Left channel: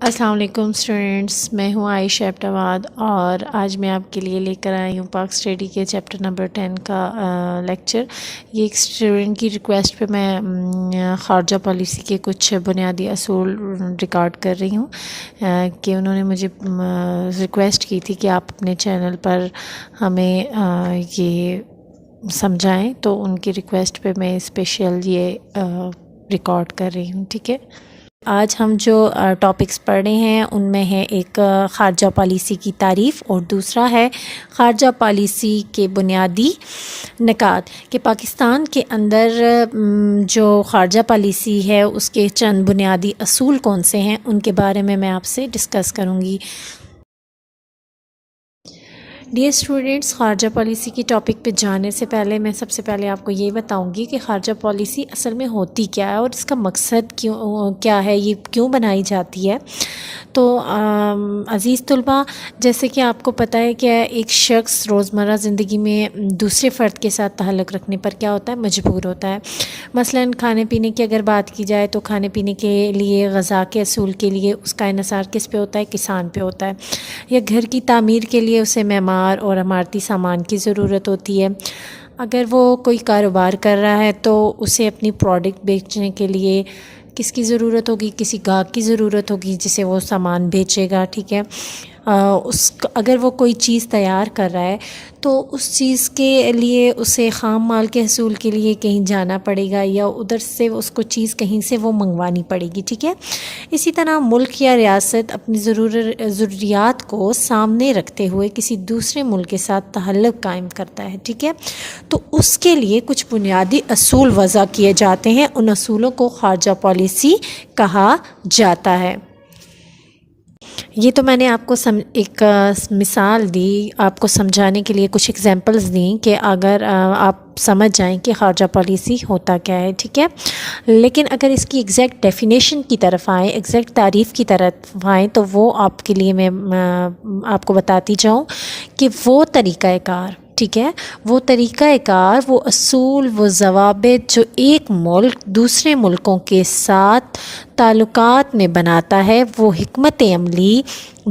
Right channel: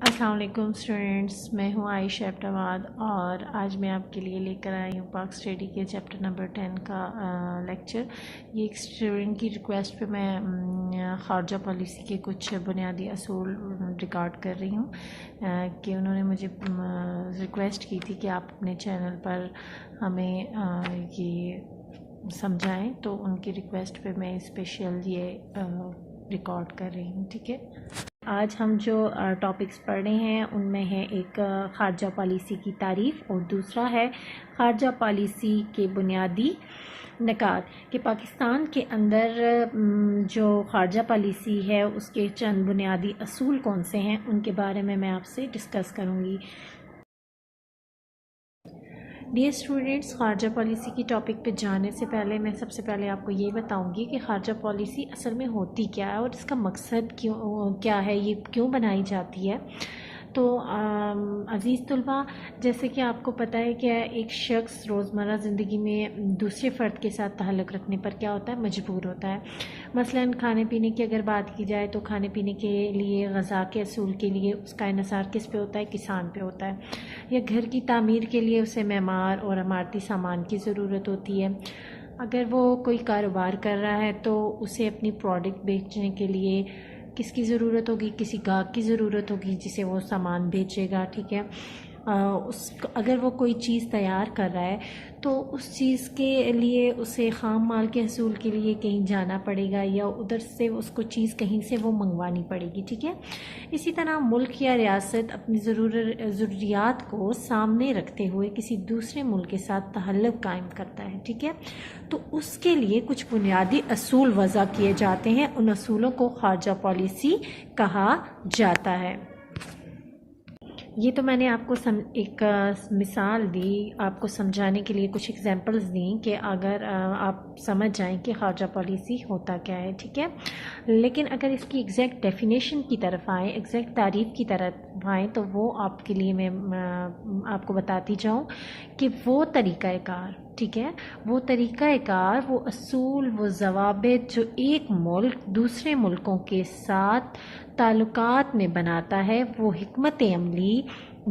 السلام علیکم اسٹوڈنٹس، میں ہوں عائشہ ابٹواد اور آج میں آپ کے لیے لے کر آئی ہوں پاک اسٹڈی کے چیپٹر نمبر 10 کا لیکچر۔ یہ ایک اسٹوڈنٹ کی ریکویسٹ پہ میں خارجہ پالیسی کے کچھ بنیادی اصول ریکارڈ کر رہی ہوں کہ انہوں نے مجھے ریکویسٹ کی تھی کہ آپ اپنے چینل پر ہمیں یہ سمجھائیں، تو ان کی ریکویسٹ پہ میں اسپیشل یہ ریکارڈ کر رہی ہوں، ٹھیک ہے۔ آج ہم جو ٹاپکس پڑھ رہے ہیں ان میں ہے ایک خارجہ پالیسی کی تعریف اور دوسرا ہے خارجہ پالیسی کے بنیادی نکات، کہ پاکستان کے اندر جو خارجہ پالیسی ہے اس کے چند بنیادی اصول کون سے ہیں ان کے بارے میں آپ سے ڈسکس کروں گی۔ ڈیئر اسٹوڈنٹس، خارجہ پالیسی کی ٹاپک پہ جانے سے پہلے میں سب سے پہلے آپ کو یہ بتاؤں گی کہ خارجہ پالیسی اصل میں ہوتی کیا ہے اور اس کا مقصد کیا ہے، یہ کیوں بنائی جاتی ہے۔ تو عزیز طلباء، جیسے کہ آپ کو پتہ ہے کہ ایک شخص روزمرہ زندگی میں دوسرے فرد کے ساتھ تعلق رکھنے پر کیا ہوتا ہے، مجبور ہوتا ہے۔ مثلاً کھانے پینے کی اگر بات کی جائے تو کھانے پینے کے لیے، غذا کے اصول کے لیے اس کا انحصار کس پہ ہوتا ہے، کسان پہ ہوتا ہے۔ یا گھر کی تعمیر کے لیے اسے معمار اور عمارتی سامان کی ضرورت ہوتی ہے۔ اگر وہ کوئی کاروبار کر رہا ہے تو اسے اپنی پروڈکٹ بیچنے کے لیے کس کی ضرورت ہوگی، کسی گاہک کی ضرورت ہوگی جسے وہ سامان بیچے گا، ٹھیک ہے۔ اگر وہ کوئی چیز تیار کر رہا ہے تو اس چیز کے لیے اسے خام مال کے حصول کے لیے کہیں جانا پڑے گا یا ادھر سے اس کو چیز کہیں سے وہ منگوانی پڑے گی، ٹھیک ہے۔ اسی طرح ملک یا ریاست اپنی ضروریات کو سامنے رکھتے ہوئے کسی دوسرے ملک کے ساتھ تعلق قائم کرتا ہے، ٹھیک ہے۔ تو اس کے لیے کچھ بنیادی اصول وضع کیے جاتے ہیں، ان اصولوں کو خارجہ پالیسی کہا جاتا ہے۔ یہ تو میں نے آپ کو ایک مثال دی، آپ کو سمجھانے کے لیے کچھ ایگزامپلز دیں کہ اگر آپ سمجھ جائیں کہ خارجہ پالیسی ہوتا کیا ہے، ٹھیک ہے۔ لیکن اگر اس کی ایگزیکٹ ڈیفینیشن کی طرف آئیں، ایگزیکٹ تعریف کی طرف آئیں تو وہ آپ کے لیے میں آپ کو بتاتی جاؤں کہ وہ طریقہ کار، ٹھیک ہے، وہ طریقہ کار، وہ اصول، وہ ضوابط جو ایک ملک دوسرے ملکوں کے ساتھ تعلقات میں بناتا ہے، وہ حکمت عملی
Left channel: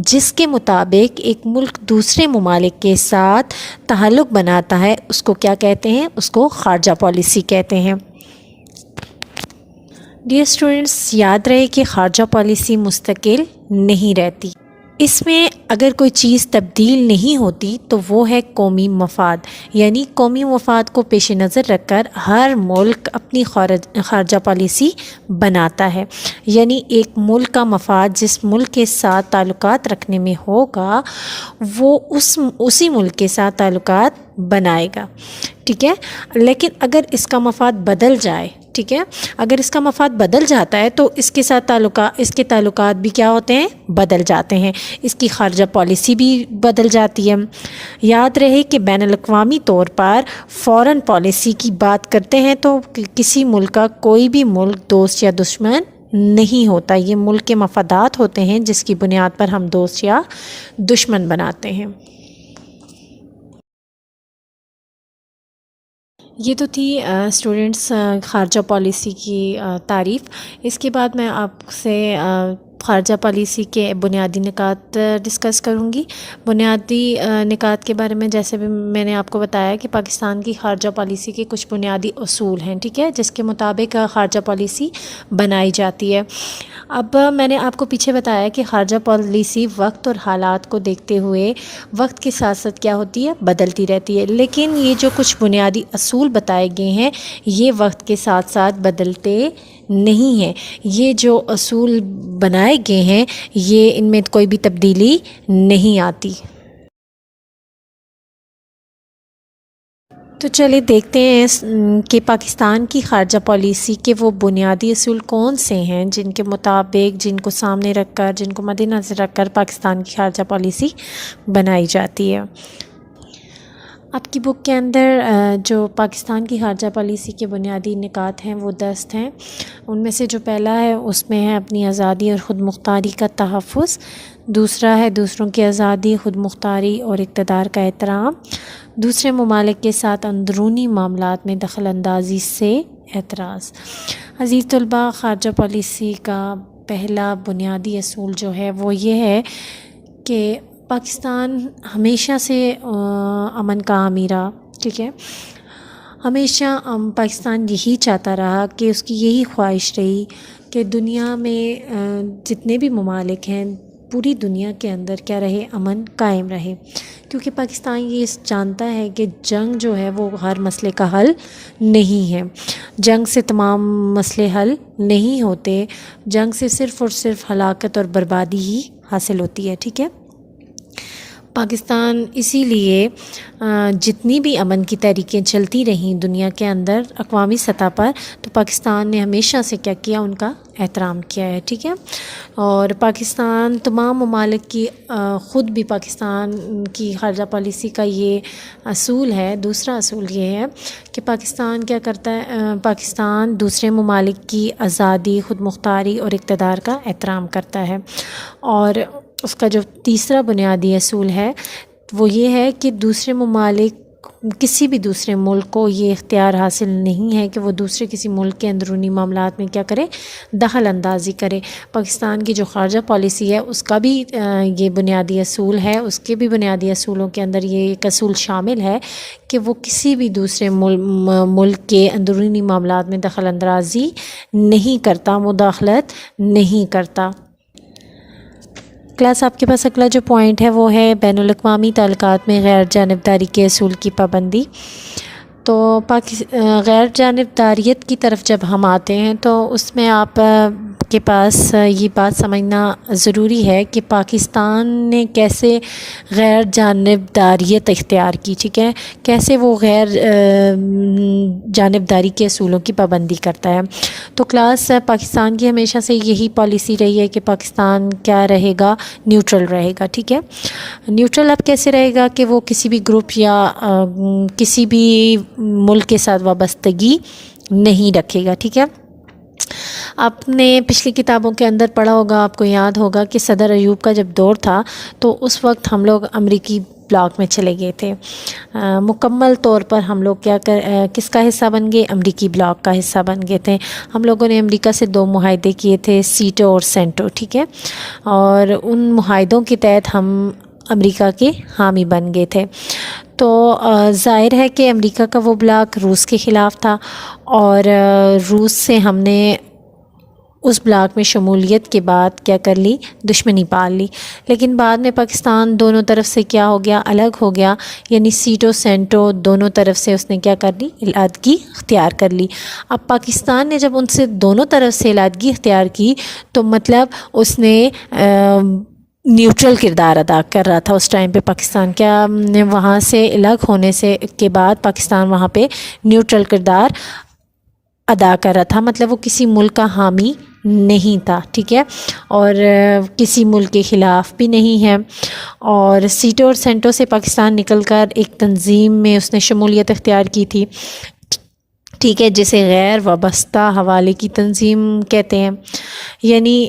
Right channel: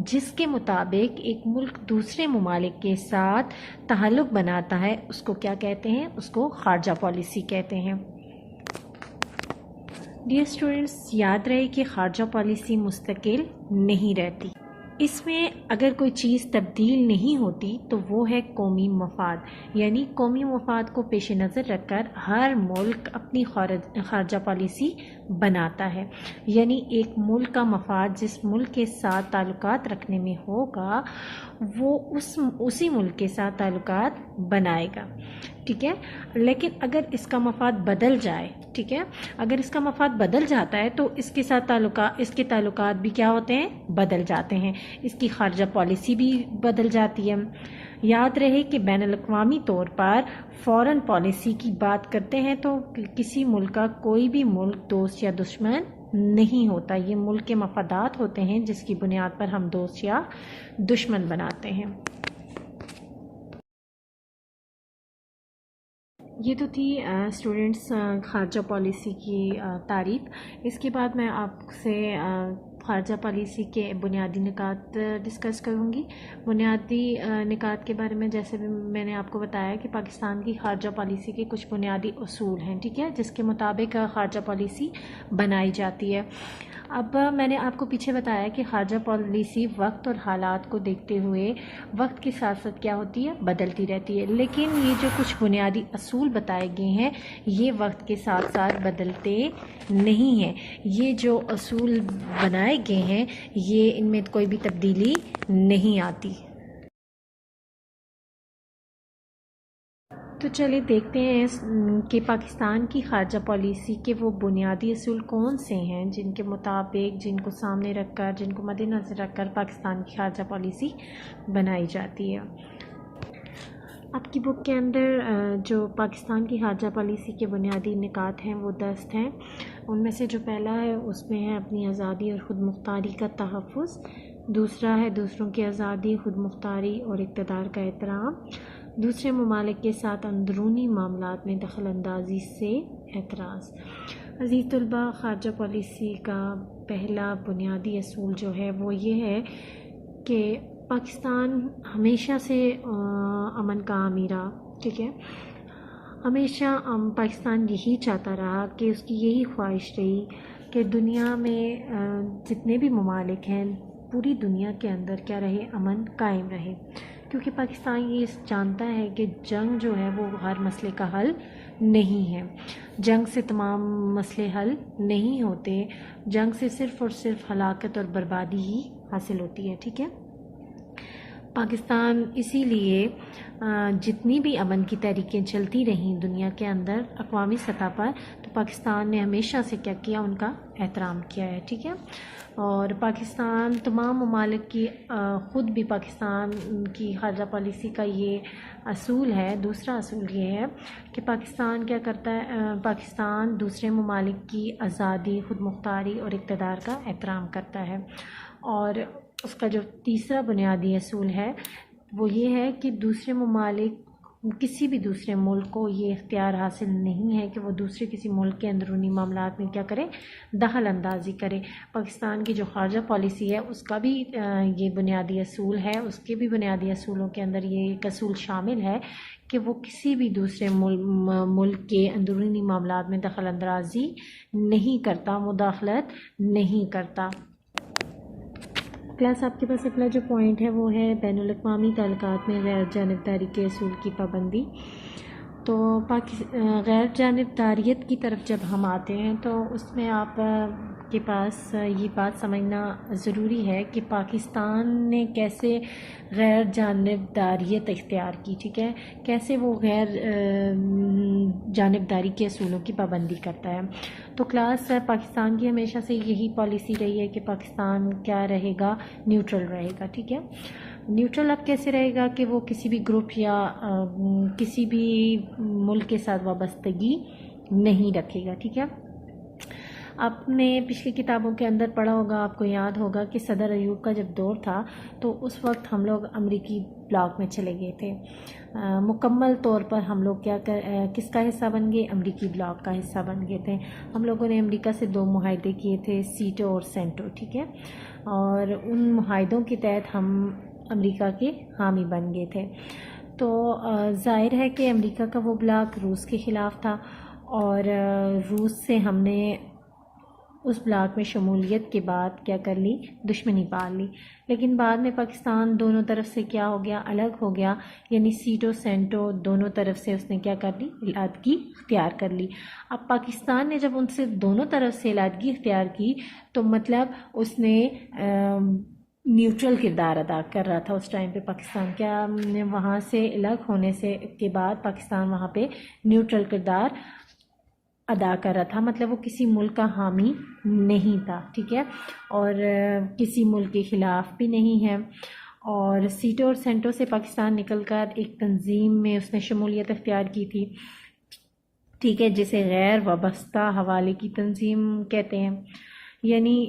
جس کے مطابق ایک ملک دوسرے ممالک کے ساتھ تعلق بناتا ہے، اس کو کیا کہتے ہیں، اس کو خارجہ پالیسی کہتے ہیں۔ ڈیئر اسٹوڈنٹس، یاد رہے کہ خارجہ پالیسی مستقل نہیں رہتی، اس میں اگر کوئی چیز تبدیل نہیں ہوتی تو وہ ہے قومی مفاد، یعنی قومی مفاد کو پیش نظر رکھ کر ہر ملک اپنی خارجہ پالیسی بناتا ہے۔ یعنی ایک ملک کا مفاد جس ملک کے ساتھ تعلقات رکھنے میں ہوگا وہ اسی ملک کے ساتھ تعلقات بنائے گا، ٹھیک ہے۔ لیکن اگر اس کا مفاد بدل جائے، ٹھیک ہے، اگر اس کا مفاد بدل جاتا ہے تو اس کے ساتھ اس کے تعلقات بھی کیا ہوتے ہیں، بدل جاتے ہیں، اس کی خارجہ پالیسی بھی بدل جاتی ہے۔ یاد رہے کہ بین الاقوامی طور پر فورن پالیسی کی بات کرتے ہیں تو کسی ملک کا کوئی بھی ملک دوست یا دشمن نہیں ہوتا، یہ ملک کے مفادات ہوتے ہیں جس کی بنیاد پر ہم دوست یا دشمن بناتے ہیں۔ یہ تو تھی اسٹوڈنٹس خارجہ پالیسی کی تعریف۔ اس کے بعد میں آپ سے خارجہ پالیسی کے بنیادی نکات ڈسکس کروں گی۔ بنیادی نکات کے بارے میں جیسے بھی میں نے آپ کو بتایا کہ پاکستان کی خارجہ پالیسی کے کچھ بنیادی اصول ہیں، ٹھیک ہے، جس کے مطابق خارجہ پالیسی بنائی جاتی ہے۔ اب میں نے آپ کو پیچھے بتایا کہ خارجہ پالیسی وقت اور حالات کو دیکھتے ہوئے وقت کے ساتھ ساتھ کیا ہوتی ہے، بدلتی رہتی ہے، لیکن یہ جو کچھ بنیادی اصول بتائے گئے ہیں یہ وقت کے ساتھ ساتھ بدلتے نہیں ہیں۔ یہ جو اصول بنائے گئے ہیں یہ ان میں کوئی بھی تبدیلی نہیں آتی۔ تو چلے دیکھتے ہیں کہ پاکستان کی خارجہ پالیسی کے وہ بنیادی اصول کون سے ہیں جن کے مطابق، جن کو سامنے رکھ کر، جن کو مد نظر رکھ کر پاکستان کی خارجہ پالیسی بنائی جاتی ہے۔ آپ کی بک کے اندر جو پاکستان کی خارجہ پالیسی کے بنیادی نکات ہیں وہ 10 ہیں۔ ان میں سے جو پہلا ہے اس میں ہے اپنی آزادی اور خود مختاری کا تحفظ، دوسرا ہے دوسروں کی آزادی، خود مختاری اور اقتدار کا احترام، دوسرے ممالک کے ساتھ اندرونی معاملات میں دخل اندازی سے اعتراض۔ عزیز طلباء، خارجہ پالیسی کا پہلا بنیادی اصول جو ہے وہ یہ ہے کہ پاکستان ہمیشہ سے امن کا حامی رہا، ٹھیک ہے۔ ہمیشہ پاکستان یہی چاہتا رہا کہ اس کی یہی خواہش رہی کہ دنیا میں جتنے بھی ممالک ہیں، پوری دنیا کے اندر کیا رہے، امن قائم رہے، کیونکہ پاکستان یہ جانتا ہے کہ جنگ جو ہے وہ ہر مسئلے کا حل نہیں ہے، جنگ سے تمام مسئلے حل نہیں ہوتے، جنگ سے صرف اور صرف ہلاکت اور بربادی ہی حاصل ہوتی ہے، ٹھیک ہے۔ پاکستان اسی لیے جتنی بھی امن کی تحریکیں چلتی رہیں دنیا کے اندر اقوامی سطح پر، تو پاکستان نے ہمیشہ سے کیا کیا، ان کا احترام کیا ہے، ٹھیک ہے۔ اور پاکستان تمام ممالک کی خود بھی پاکستان کی خارجہ پالیسی کا یہ اصول ہے، دوسرا اصول یہ ہے کہ پاکستان کیا کرتا ہے، پاکستان دوسرے ممالک کی آزادی، خود مختاری اور اقتدار کا احترام کرتا ہے۔ اور اس کا جو تیسرا بنیادی اصول ہے وہ یہ ہے کہ دوسرے ممالک، کسی بھی دوسرے ملک کو یہ اختیار حاصل نہیں ہے کہ وہ دوسرے کسی ملک کے اندرونی معاملات میں کیا کرے، دخل اندازی کرے۔ پاکستان کی جو خارجہ پالیسی ہے اس کا بھی یہ بنیادی اصول ہے، اس کے بھی بنیادی اصولوں کے اندر یہ ایک اصول شامل ہے کہ وہ کسی بھی دوسرے ملک کے اندرونی معاملات میں دخل اندازی نہیں کرتا، مداخلت نہیں کرتا۔ کلاس آپ کے پاس اگلا جو پوائنٹ ہے وہ ہے بین الاقوامی تعلقات میں غیر جانبداری کے اصول کی پابندی۔ تو غیر جانبداریت کی طرف جب ہم آتے ہیں تو اس میں آپ کے پاس یہ بات سمجھنا ضروری ہے کہ پاکستان نے کیسے غیر جانبداریت اختیار کی، ٹھیک ہے، کیسے وہ غیر جانبداری کے اصولوں کی پابندی کرتا ہے۔ تو کلاس پاکستان کی ہمیشہ سے یہی پالیسی رہی ہے کہ پاکستان کیا رہے گا، نیوٹرل رہے گا، ٹھیک ہے۔ نیوٹرل اب کیسے رہے گا کہ وہ کسی بھی گروپ یا کسی بھی ملک کے ساتھ وابستگی نہیں رکھے گا، ٹھیک ہے۔ آپ نے پچھلی کتابوں کے اندر پڑھا ہوگا، آپ کو یاد ہوگا کہ صدر ایوب کا جب دور تھا تو اس وقت ہم لوگ امریکی بلاک میں چلے گئے تھے، مکمل طور پر ہم لوگ کس کا حصہ بن گئے، امریکی بلاک کا حصہ بن گئے تھے۔ ہم لوگوں نے امریکہ سے 2 معاہدے کیے تھے، سیٹو اور سینٹو، ٹھیک ہے، اور ان معاہدوں کے تحت ہم امریکہ کے حامی بن گئے تھے۔ تو ظاہر ہے کہ امریکہ کا وہ بلاک روس کے خلاف تھا اور روس سے ہم نے اس بلاک میں شمولیت کے بعد کیا کر لی، دشمنی پال لی، لیکن بعد میں پاکستان دونوں طرف سے کیا ہو گیا، الگ ہو گیا، یعنی سیٹو سینٹو دونوں طرف سے اس نے کیا کر لی، علیحدگی اختیار کر لی۔ اب پاکستان نے جب ان سے دونوں طرف سے علیحدگی اختیار کی تو مطلب اس نے نیوٹرل کردار ادا کر رہا تھا اس ٹائم پہ پاکستان، کیا وہاں سے الگ ہونے کے بعد پاکستان وہاں پہ نیوٹرل کردار ادا کر رہا تھا، مطلب وہ کسی ملک کا حامی نہیں تھا، ٹھیک ہے، اور کسی ملک کے خلاف بھی نہیں ہے۔ اور سیٹو اور سینٹو سے پاکستان نکل کر ایک تنظیم میں اس نے شمولیت اختیار کی تھی، ٹھیک ہے، جسے غیر وابستہ حوالے کی تنظیم کہتے ہیں، یعنی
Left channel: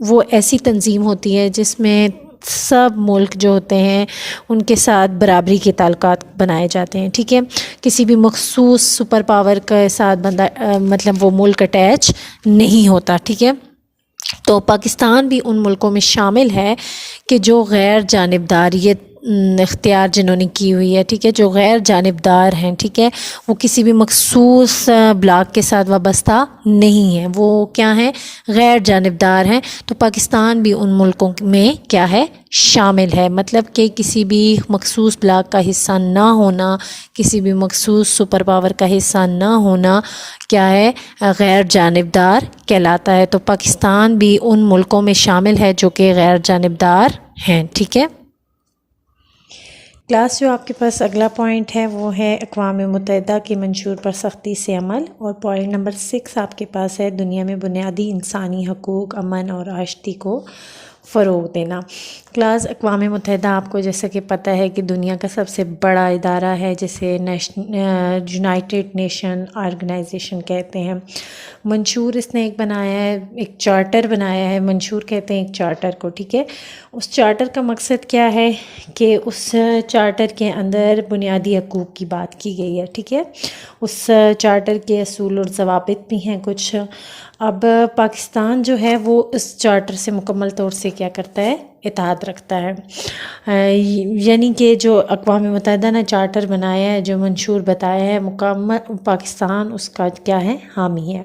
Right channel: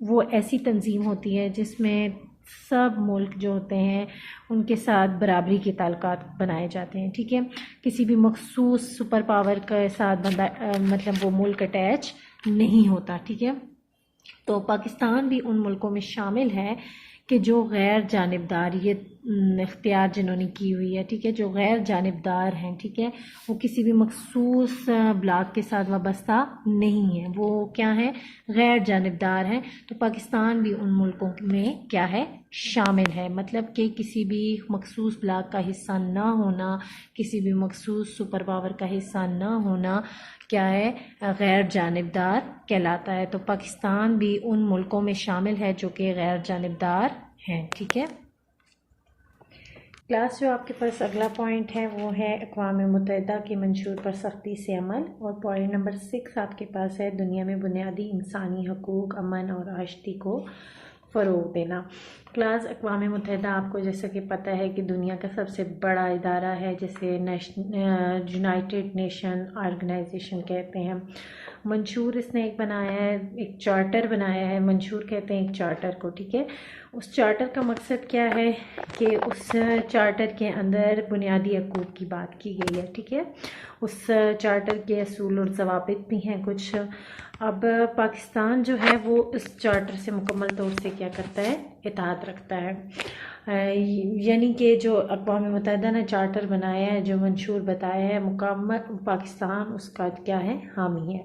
وہ ایسی تنظیم ہوتی ہے جس میں سب ملک جو ہوتے ہیں ان کے ساتھ برابری کے تعلقات بنائے جاتے ہیں، ٹھیک ہے، کسی بھی مخصوص سپر پاور کے ساتھ مطلب وہ ملک اٹیچ نہیں ہوتا، ٹھیک ہے۔ تو پاکستان بھی ان ملکوں میں شامل ہے کہ جو غیر جانبداریت اختیار جنہوں نے کی ہوئی ہے، ٹھیک ہے، جو غیر جانبدار ہیں، ٹھیک ہے، وہ کسی بھی مخصوص بلاک کے ساتھ وابستہ نہیں ہیں، وہ کیا ہیں، غیر جانبدار ہیں۔ تو پاکستان بھی ان ملکوں میں کیا ہے، شامل ہے، مطلب کہ کسی بھی مخصوص بلاک کا حصہ نہ ہونا، کسی بھی مخصوص سپر پاور کا حصہ نہ ہونا کیا ہے، غیر جانبدار کہلاتا ہے۔ تو پاکستان بھی ان ملکوں میں شامل ہے جو کہ غیر جانبدار ہیں، ٹھیک ہے۔ کلاس جو آپ کے پاس اگلا پوائنٹ ہے وہ ہے اقوام متحدہ کے منشور پر سختی سے عمل، اور پوائنٹ نمبر 6 آپ کے پاس ہے دنیا میں بنیادی انسانی حقوق، امن اور آشتی کو فروغ دینا۔ کلاس اقوام متحدہ آپ کو جیسا کہ پتہ ہے کہ دنیا کا سب سے بڑا ادارہ ہے جسے یونائٹڈ نیشن آرگنائزیشن کہتے ہیں۔ منشور اس نے ایک بنایا ہے، ایک چارٹر بنایا ہے، منشور کہتے ہیں ایک چارٹر کو، ٹھیک ہے۔ اس چارٹر کا مقصد کیا ہے کہ اس چارٹر کے اندر بنیادی حقوق کی بات کی گئی ہے، ٹھیک ہے۔ اس چارٹر کے اصول اور ضوابط بھی ہیں کچھ، اب پاکستان جو ہے وہ اس چارٹر سے مکمل طور سے کیا کرتا ہے، اتحاد رکھتا ہے، یعنی کہ جو اقوام متحدہ نے چارٹر بنایا ہے، جو منشور بتایا ہے، مکمل پاکستان اس کا کیا ہے، حامی ہے،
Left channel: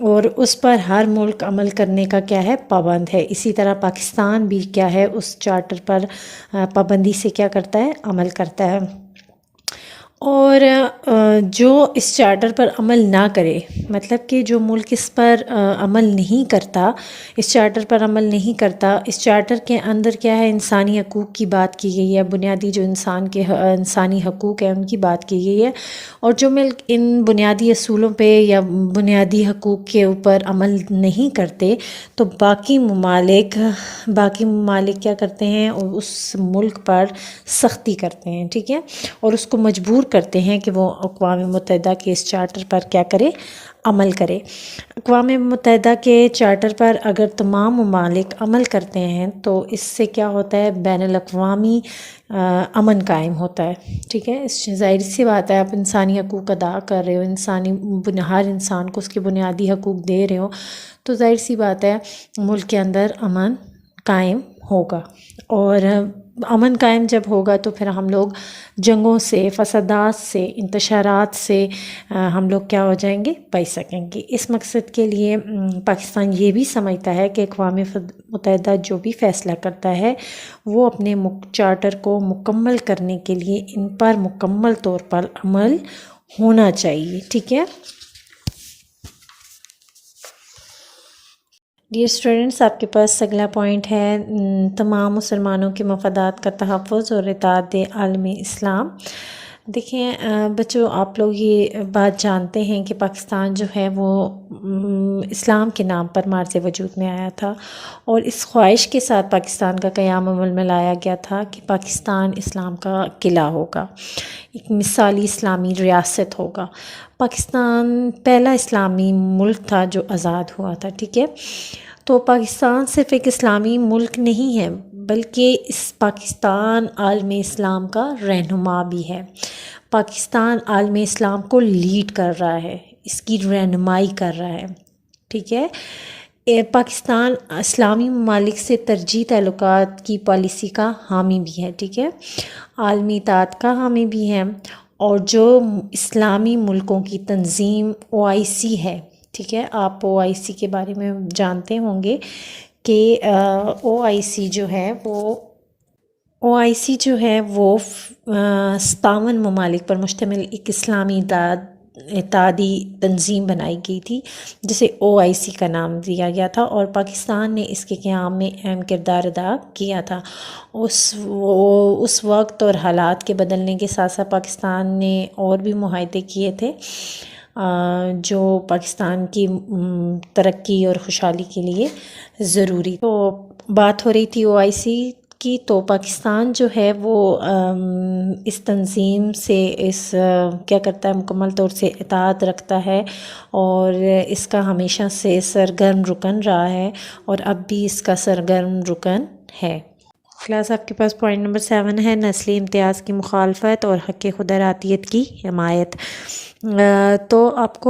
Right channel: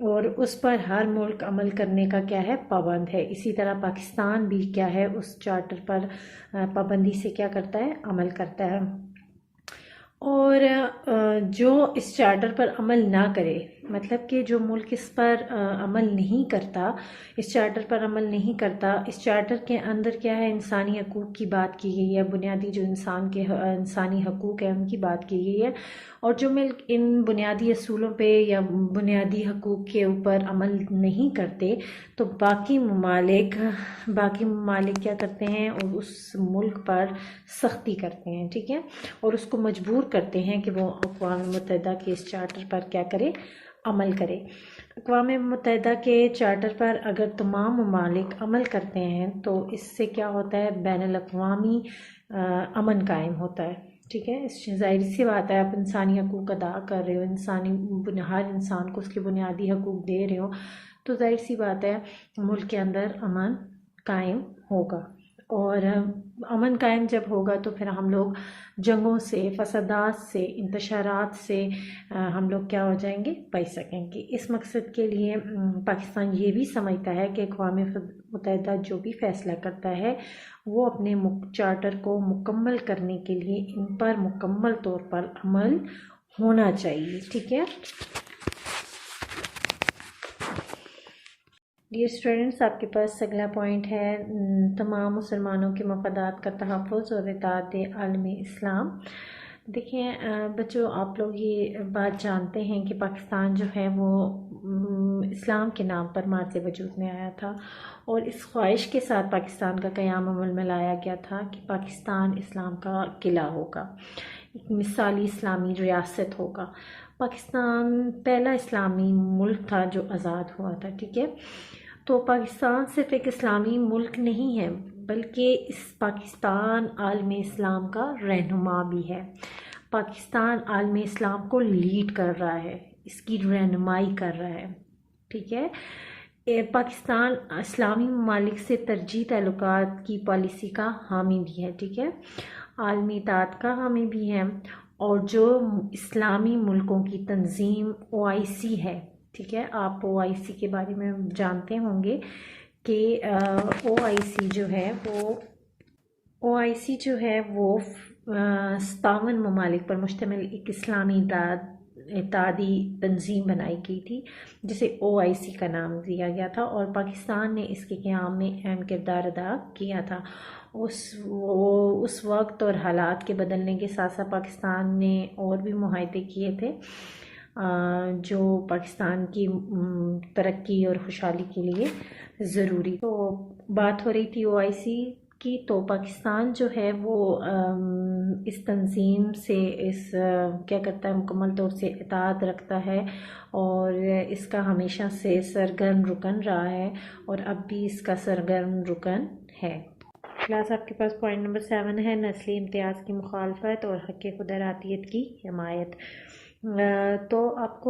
اور اس پر ہر ملک عمل کرنے کا کیا ہے، پابند ہے۔ اسی طرح پاکستان بھی کیا ہے، اس چارٹر پر پابندی سے کیا کرتا ہے، عمل کرتا ہے۔ اور جو اس چارٹر پر عمل نہ کرے، مطلب کہ جو ملک اس پر عمل نہیں کرتا، اس چارٹر پر عمل نہیں کرتا، اس چارٹر کے اندر کیا ہے، انسانی حقوق کی بات کی گئی ہے، بنیادی جو انسانی حقوق ہیں ان کی بات کی گئی ہے، اور جو ملک ان بنیادی اصولوں پہ یا بنیادی حقوق کے اوپر عمل نہیں کرتے تو باقی ممالک کیا کرتے ہیں، اس ملک پر سختی کرتے ہیں، ٹھیک ہے، اور اس کو مجبور کرتے ہیں کہ وہ اقوام متحدہ کے اس چارٹر پر کیا کرے، عمل کرے۔ اقوام متحدہ کے چارٹر پر اگر تمام ممالک عمل کرتے ہیں تو اس سے کیا ہوتا ہے، بین الاقوامی امن قائم ہوتا ہے، ٹھیک ہے۔ اس ظاہر سی بات ہے، آپ انسانی حقوق ادا کر رہے ہو، ہر انسان کو اس کے بنیادی حقوق دے رہے ہو، تو ظاہر سی بات ہے ملک کے اندر امن قائم ہوگا، اور امن قائم جب ہوگا تو پھر ہم لوگ جنگوں سے، فسادات سے، انتشارات سے ہم لوگ کیا ہو جائیں گے، بچ سکیں گے۔ اس مقصد کے لیے پاکستان یہ بھی سمجھتا ہے کہ اقوام متحدہ جو بھی فیصلہ کرتا ہے وہ اپنے چارٹر کو مکمل کرنے کے لیے ان پر مکمل طور پر عمل ہونا چاہیے، ٹھیک ہے۔ ڈیئر اسٹوڈنٹس، آپ کے پاس اگلا پوائنٹ ہے تمام مسلمانوں کے مفادات کا تحفظ اور اطاعت عالم اسلام۔ دیکھیں بچوں، آپ لوگ یہ بات جانتے ہیں کہ پاکستان جو ہے وہ اسلام کے نام پر مارز وجود میں آیا تھا، اور اس خواہش کے ساتھ پاکستان کا قیام عمل میں لایا گیا تھا کہ پاکستان اسلام کا قلعہ ہوگا، ایک مثالی اسلامی ریاست ہوگا۔ پاکستان پہلا اسلامی ملک تھا جو آزاد ہوا تھا، ٹھیک ہے۔ تو پاکستان صرف ایک اسلامی ملک نہیں ہے بلکہ اس پاکستان عالم اسلام کا رہنما بھی ہے۔ پاکستان عالم اسلام کو لیڈ کر رہا ہے، اس کی رہنمائی کر رہا ہے، ٹھیک ہے۔ پاکستان اسلامی ممالک سے ترجیح تعلقات کی پالیسی کا حامی بھی ہے، ٹھیک ہے، عالمی اطاعت کا حامی بھی ہے، اور جو اسلامی ملکوں کی تنظیم OIC ہے، ٹھیک ہے، آپ OIC کے بارے میں جانتے ہوں گے کہ OIC جو ہے وہ 57 ممالک پر مشتمل ایک اسلامی اتحادی تنظیم بنائی گئی تھی جسے OIC کا نام دیا گیا تھا، اور پاکستان نے اس کے قیام میں اہم کردار ادا کیا تھا۔ اس وقت اور حالات کے بدلنے کے ساتھ ساتھ پاکستان نے اور بھی معاہدے کیے تھے جو پاکستان کی ترقی اور خوشحالی کے لیے ضروری۔ تو بات ہو رہی تھی OIC کی، تو پاکستان جو ہے وہ اس تنظیم سے کیا کرتا ہے، مکمل طور سے اطاعت رکھتا ہے، اور اس کا ہمیشہ سے سرگرم رکن رہا ہے، اور اب بھی اس کا سرگرم رکن ہے۔ کلاس آپ کے پاس پوائنٹ نمبر 7 ہے، نسلی امتیاز کی مخالفت اور حق خود ارادیت کی حمایت۔ تو آپ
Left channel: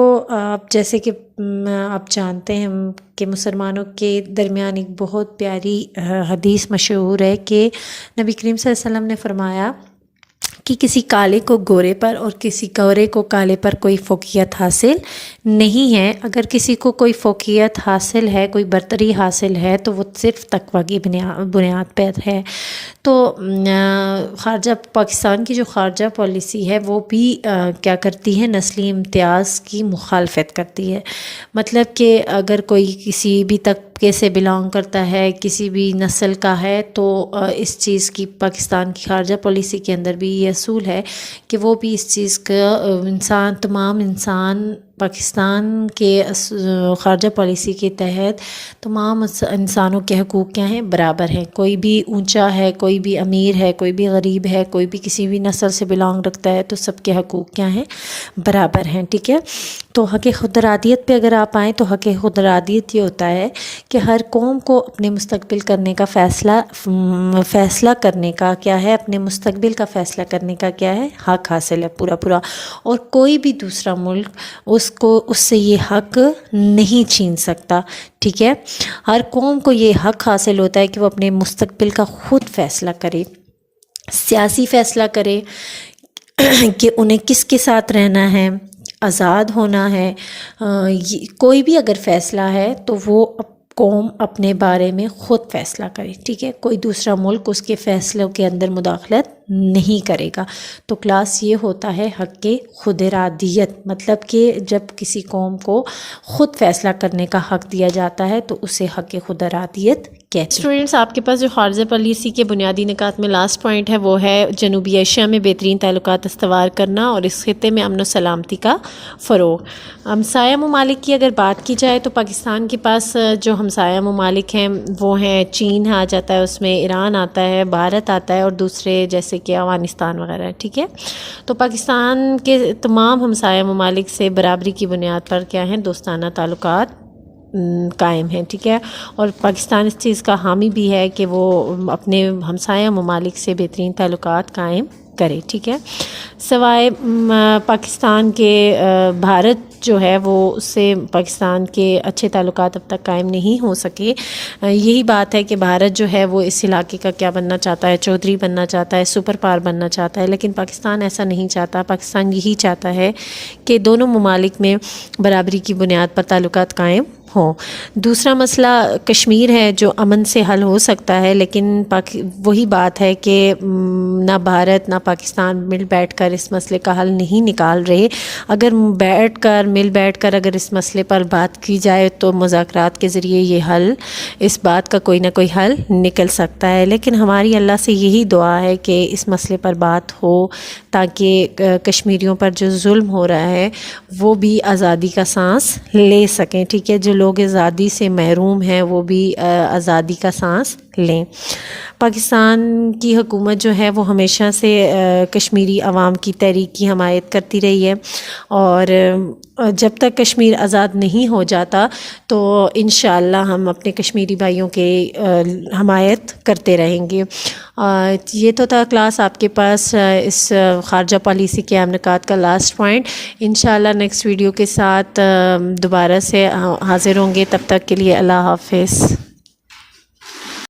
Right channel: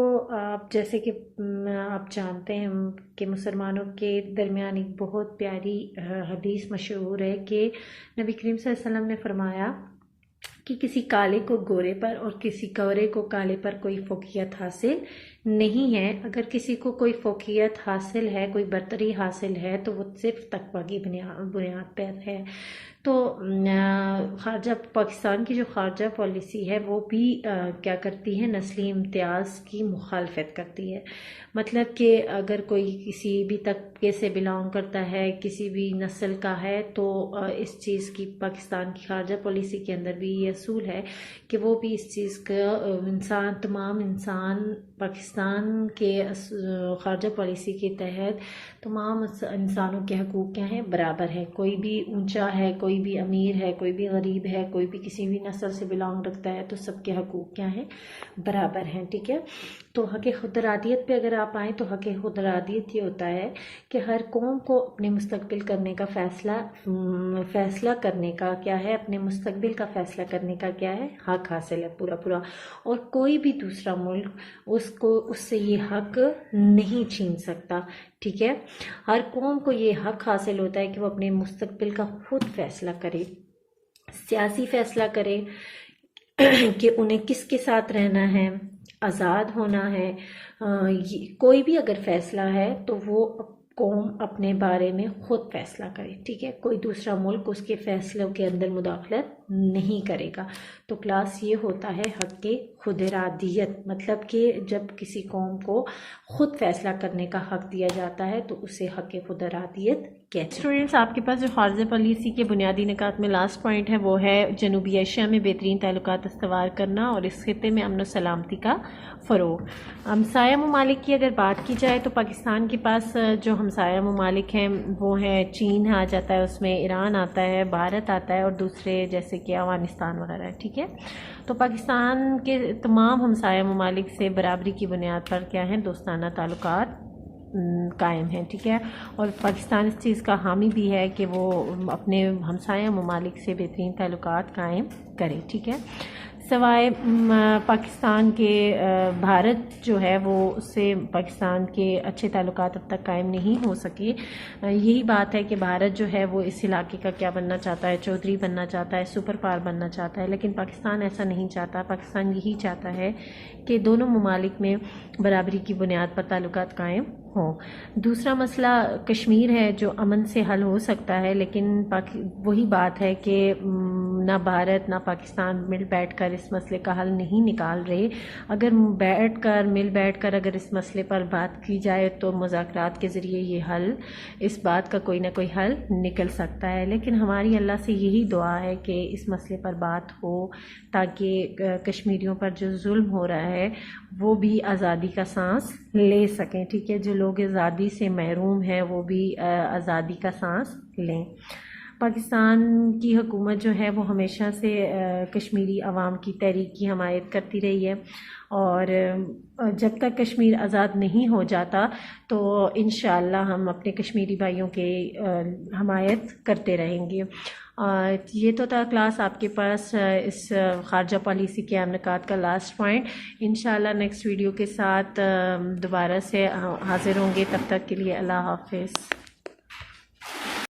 جیسے کہ آپ جانتے ہیں کہ مسلمانوں کے درمیان ایک بہت پیاری حدیث مشہور ہے کہ نبی کریم صلی اللہ علیہ وسلم نے فرمایا کہ کسی کالے کو گورے پر اور کسی گورے کو کالے پر کوئی فوقیت حاصل نہیں ہے۔ اگر کسی کو کوئی فوقیت حاصل ہے، کوئی برتری حاصل ہے، تو وہ صرف تقوی کی بنیاد پر ہے۔ تو پاکستان کی جو خارجہ پالیسی ہے وہ بھی کیا کرتی ہے، نسلی امتیاز کی مخالفت کرتی ہے۔ مطلب کہ اگر کوئی کسی بھی طبقے سے بلانگ کرتا ہے، کسی بھی نسل کا ہے، تو اس چیز کی پاکستان کی خارجہ پالیسی کے اندر بھی یہ اصول ہے کہ وہ بھی اس چیز کا تمام انسان پاکستان کے خارجہ پالیسی کے تحت تمام انسانوں کے حقوق کیا ہیں، برابر ہیں۔ کوئی بھی اونچا ہے، کوئی بھی امیر ہے، کوئی بھی غریب ہے، کوئی بھی کسی بھی نسل سے بلانگ رکھتا ہے، تو سب کے حقوق کیا ہیں، برابر ہیں، ٹھیک ہے۔ تو حق خود ارادیت پہ اگر آپ آئیں تو حق خود ارادیت یہ ہوتا ہے کہ ہر قوم کو اپنے مستقبل کرنے کا فیصلہ کرنے کا کیا ہے، اپنے مستقبل کا فیصلہ کرنے کا کیا ہے، حق حاصل ہے پورا، اور کوئی بھی دوسرا ملک اس اس کو اس سے یہ حق نہیں چھین سکتا، ٹھیک ہے۔ ہر قوم کو یہ حق حاصل ہوتا ہے کہ وہ اپنے مستقبل کا خود فیصلہ کرے، سیاسی فیصلہ کرے کہ انہیں کس کے ساتھ رہنا ہے، آزاد ہونا ہے۔ کوئی بھی اگر فیصلہ ہے تو وہ قوم اپنے بارے میں خود فیصلہ کرے، ٹھیک ہے، کوئی دوسرا ملک اس کے فیصلوں کے اندر مداخلت نہیں کرے گا۔ تو کلاس یہ ہوتا ہے حق خود ارادیت، مطلب کہ جب کسی قوم کو خود فیصلہ کرنے کا حق دیا جاتا ہے تو اسے حق خود ارادیت کہتے ہیں۔ اسٹوڈنٹس، آپ کے پاس جو خارجہ پالیسی کے بنیادی نکات میں لاسٹ پوائنٹ ہے وہ ہے جنوبی ایشیا میں بہترین تعلقات استوار کرنا اور اس خطے میں امن و سلامتی کا فروغ۔ ہمسایہ ممالک کی اگر بات کی جائے تو پاکستان کے پاس جو ہمسایہ ممالک ہیں وہ ہیں چین آ جاتا ہے، اس میں ایران آتا ہے، بھارت آتا ہے اور دوسرے جیسے کہ افغانستان وغیرہ، ٹھیک ہے۔ تو پاکستان کے تمام ہمسایہ ممالک سے برابری کی بنیاد پر کیا ہیں، دوستانہ تعلقات قائم ہیں، ٹھیک ہے۔ اور پاکستان اس چیز کا حامی بھی ہے کہ وہ اپنے ہمسایہ ممالک سے بہترین تعلقات قائم کرے، ٹھیک ہے۔ سوائے پاکستان کے بھارت جو ہے وہ اس سے پاکستان کے اچھے تعلقات اب تک قائم نہیں ہو سکے۔ یہی بات ہے کہ بھارت جو ہے وہ اس علاقے کا کیا بننا چاہتا ہے، چودھری بننا چاہتا ہے، سپر پاور بننا چاہتا ہے، لیکن پاکستان ایسا نہیں چاہتا۔ پاکستان یہی چاہتا ہے کہ دونوں ممالک میں برابری کی بنیاد پر تعلقات قائم ہوں۔ دوسرا مسئلہ کشمیر ہے جو امن سے حل ہو سکتا ہے، لیکن وہی بات ہے کہ نہ بھارت نہ پاکستان مل بیٹھ کر اس مسئلے کا حل نہیں نکال رہے۔ اگر مل بیٹھ کر اگر اس مسئلے پر بات کی جائے تو مذاکرات کے ذریعے یہ حل، اس بات کا کوئی نہ کوئی حل نکل سکتا ہے، لیکن ہماری اللہ سے یہی دعا ہے کہ اس مسئلے پر بات ہو تاکہ کشمیریوں پر جو ظلم ہو رہا ہے وہ بھی آزادی کا سانس لے سکیں، ٹھیک ہے، جو لوگ آزادی سے محروم ہیں وہ بھی آزادی کا سانس لیں۔ پاکستان کی حکومت جو ہے وہ ہمیشہ سے کشمیری عوام کی تحریک کی حمایت کرتی رہی ہے، اور جب تک کشمیر آزاد نہیں ہو جاتا تو انشاءاللہ ہم اپنے کشمیری بھائیوں کے حمایت کرتے رہیں گے۔ یہ تو تھا کلاس آپ کے پاس اس خارجہ پالیسی کے اہم نکات کا لاسٹ پوائنٹ۔ انشاءاللہ نیکسٹ ویڈیو کے ساتھ دوبارہ سے حاضر ہوں گے، تب تک کے لیے اللہ حافظ۔